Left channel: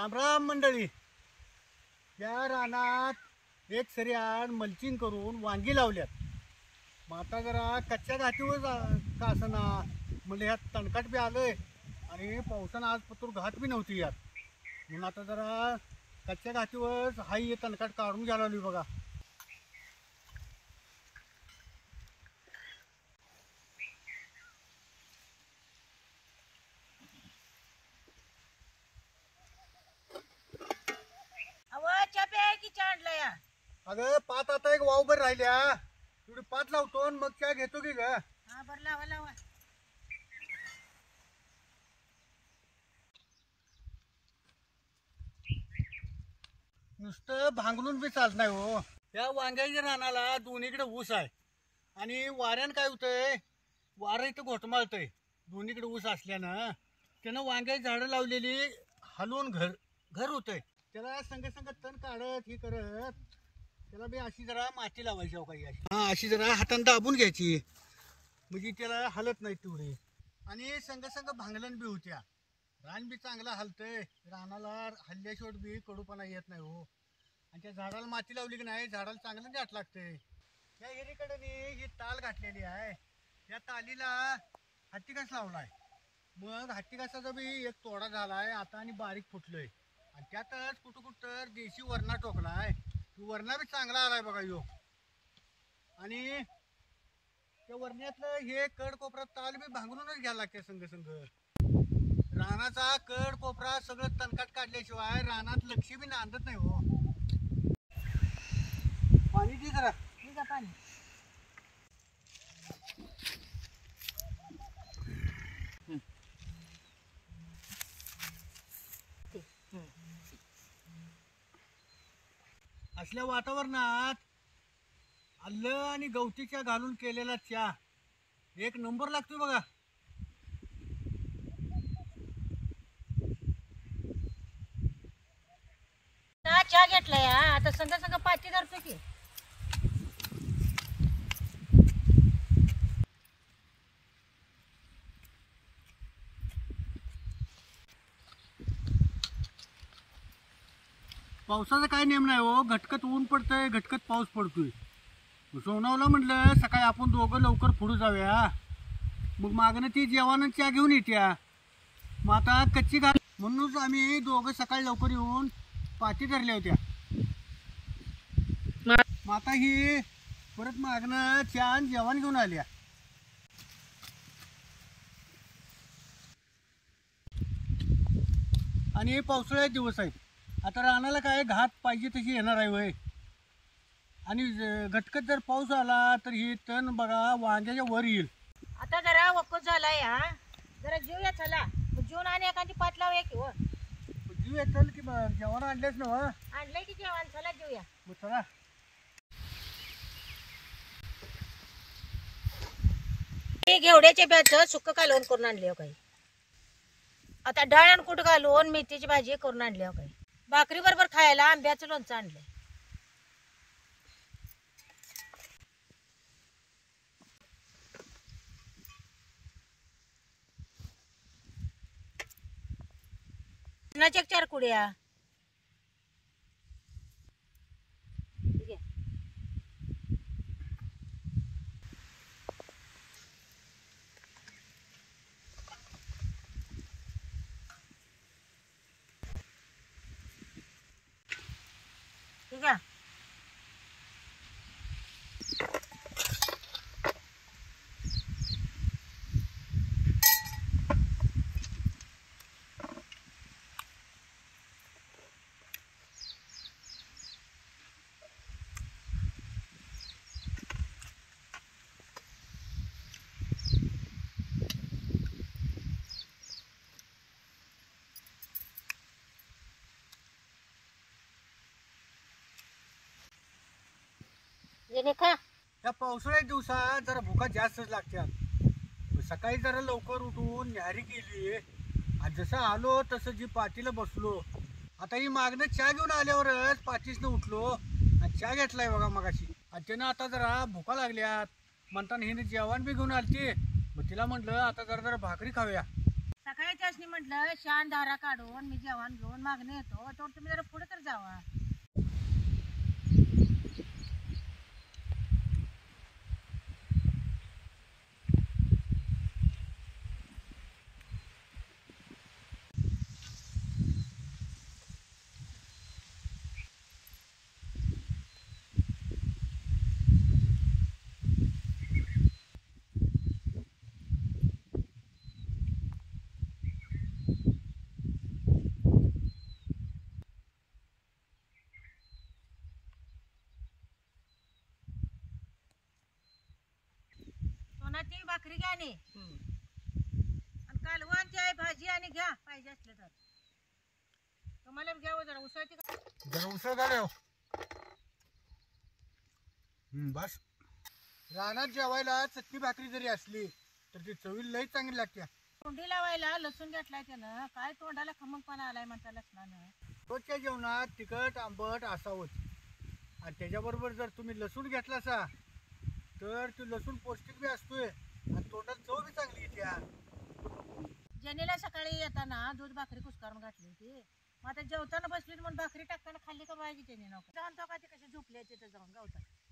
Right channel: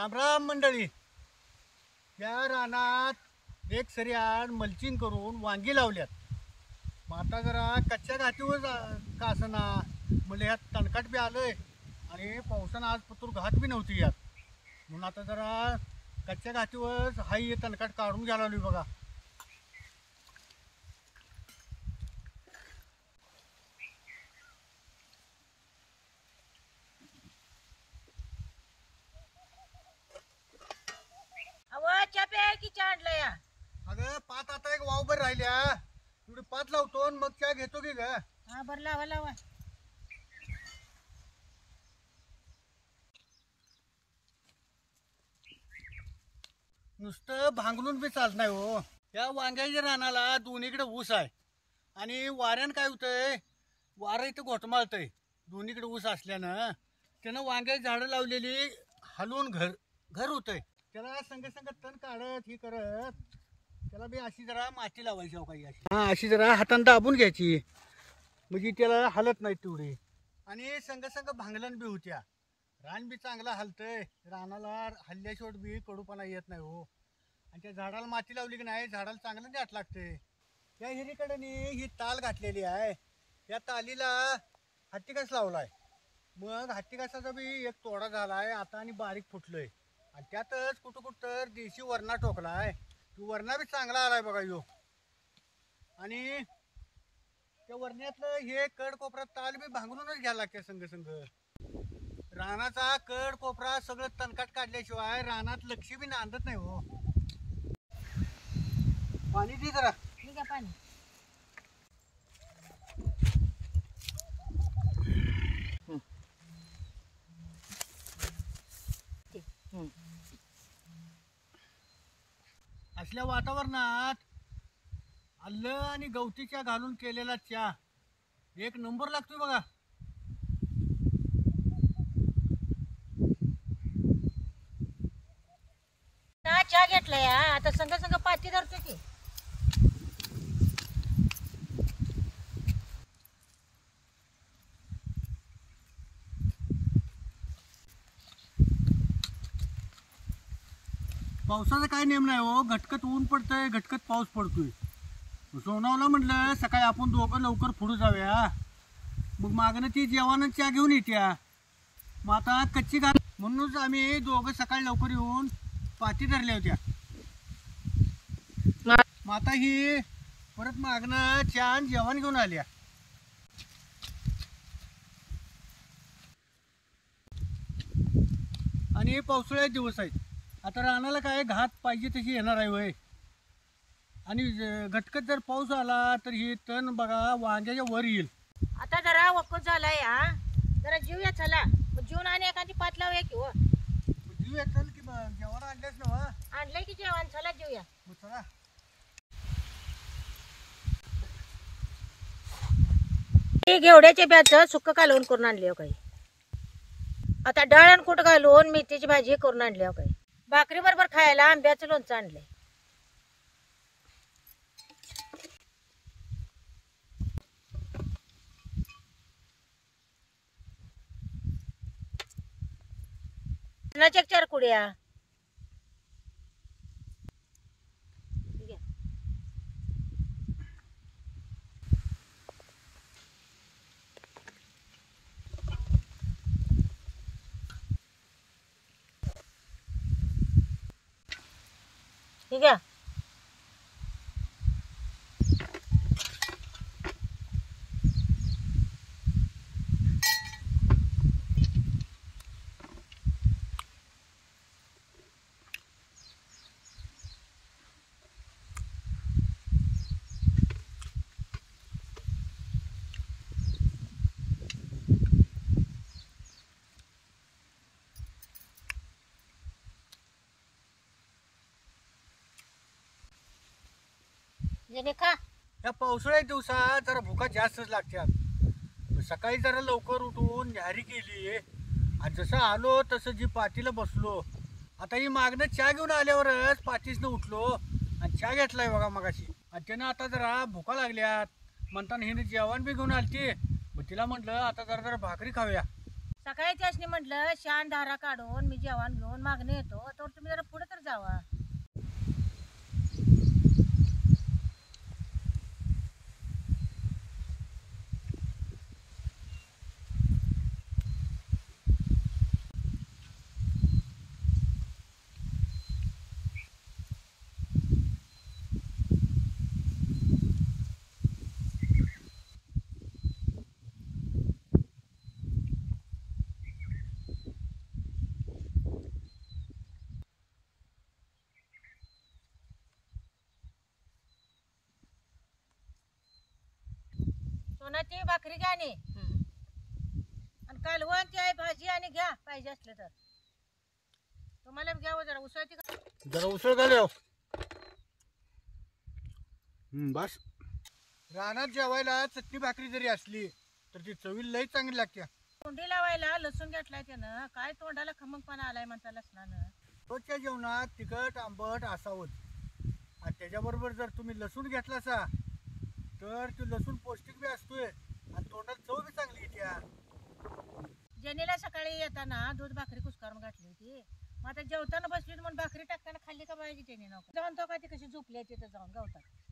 राम राम मंडळी. या रानात एक सऱ्याड मल्चिंग करून वांगी लावल्यात. मग आता जरा कच्च्या घाटीवर का असना म्हणजे ह्यात तणकाट बी आलंय आणि पावसानं आज पतूर घात बी नव्हती यात. म्हणून आता जरा कच्च्या घाटीवर हाई तणकाट काढून घ्यायला लागली बघा. अगं पात आता एक वावभर राहिल्या, तेवढी पात लावतो आणि मग त्या घेतो की ग. हा बरं लावा लावा. नुसतं भांगलून बी चालत नाही हो. या वांग्याच्या रानाला दोन्हीकडे ऊस आहे आणि वाऱ्यानं काय होतंय, वारं इथं घोटमाळतंय. दोन्हीकडे ऊस असल्यानं त्यानं वांग्याची झाडं लावलेली हलवून घर घर होतंय. त्याला संग संग तण काढत ही करत त्याला बी अशी जरा माती लावायची हो काही अशी. हा अशी जरा हातानं दाबून घ्यायची म्हणजे त्याला हलत नाही तेवढे. आणि संग संग भांगलन बी होत्या. रान बी चांगला हलतंय. रानाला हल्ल्याशिवाय बी कडूपणा येत नाही हो. आणि त्या झाडाला माती लावली की नाही झाडाला चांगलं दाट लागते. या हिरीकडे ही ताल घातलेली आहे. या तालीला हत्तीकास लावलाय. मग हत्तीकासाचा बी एक तोडा झालाय आता आणि बारीक फुटलोय. आणि त्यातच कुठं कुठं तर देशी वरणा टोकलाय. वरणा बी चांगला आलाय बघा यो. आणि त्या वरण्यातलं हे कड कोपरा ताल बी भांगरूनच घ्यायला लागते संग संग. रानाचा कड कोपरा सगळं तणकाट काढल्याशिवाय रानात लक्ष बी नांदत नाही हो. पाणी दे जरा. ठीक आहे पाणी. असल्या वातावरणात आलं आणि गवतीच्या घालून केलेला चहा एक नंबर लागतोय बघा. चहा घेतलाय आता संग संग पाती धरतो की. पावसाचा काय नेम नाही हो. घटकत ऊन पडतंय, घटकत पाऊस पडतोय. सोनावला म्हटलं सकाळी आपण दोघं लवकर पुढे जाऊया. मग मागणं ती जेवण चहा घेऊन येत्या. मग आता कच्ची घाट म्हणूनच आम्ही दोघं सकाळी लवकर येऊन पाती धरल्या होत्या. मग आता ही परत मागणं चहा आणि जेवण घेऊन आल्या. आणि पावसाळ्यात दिवस आहेत. आता रानाला काय घात पाहिजे तशी येणार आहे वय. आणि घटकत जर पाऊस आला तर ही तण बघा वांग्याच्या वर येईल. आता जरा वक्कत झालाय जरा जीवया चला. मग जीवन आणि एखादी पात लावूया की हो. जीव चल की मग जेवण आणलेच ना. आणलंय की जेवण चला जीवया. मग चला. घेवड्याच्या ब्याचं सुक्क कालवून करून आणले हो काही. आता डाळ कुठ घालून मेथीची भाजी करून आणली हो काही. भाकरी बरोबर खायला आंब्याचं लोणचं आणलंय. नाचक 4 कुड्या. ठीक आहे. खा. या पावसाळ्याच्या दिवसात जरा भुका जास्तच लागतात. सकाळी जरा लवकर उठून न्याहारी केली आणि जसं आलो तसं जी पातीला बसलो. आता ही मागणं चहा घेऊन आल्यावरच पातीसनं उठलो आणि चहा घेतलाय बघा मगाशी. आणि त्यानं आता जरा भुका लागल्यात म्हणताना हिने जेवण बी घेऊन आलती. मग तिला म्हटलं आता जरा जरा भाकरी खाऊया. सकाळी त्यासनी म्हटलं शान धारा काढून मी जेवण घेऊन मागणी येतो तर तुम्ही जरा पुढे तर जावा. सोनाची भाकरी घ्या आणि कालवण ती आहे भाजी आणि घ्या पाहिजे असलं तर. तुम्हाला बी घ्यावं जरा उसळती का? जरा उसळ घाल हो. बस. रानात जेवायला चटणी भाकरी जरी असली तर ती चवीला लई चांगली लागते. तोंडी लावायला लसूण घेतलाय त्यानं काय तोंडाला खमंगपणा आलाय म्हणता लसणानं. रोजच्या जेवणात तिखट आंबट असावं आणि त्याच्याबरोबर जर तुम्ही लसूण घेतलासा तर तो लसूण पौष्टिक बी असतोय आणि तोंडात चव बी चांगली येते. जेनीला सकाळी येताना दूध भाकरी कुस्कारून घातली होती. मग आता जेवताना बसली म्हणून भाकरी टाकताना खाल्ली का पाहिजे त्याने नको जाणतो का ती कशी झोपली तिथं जाऊन गावतात.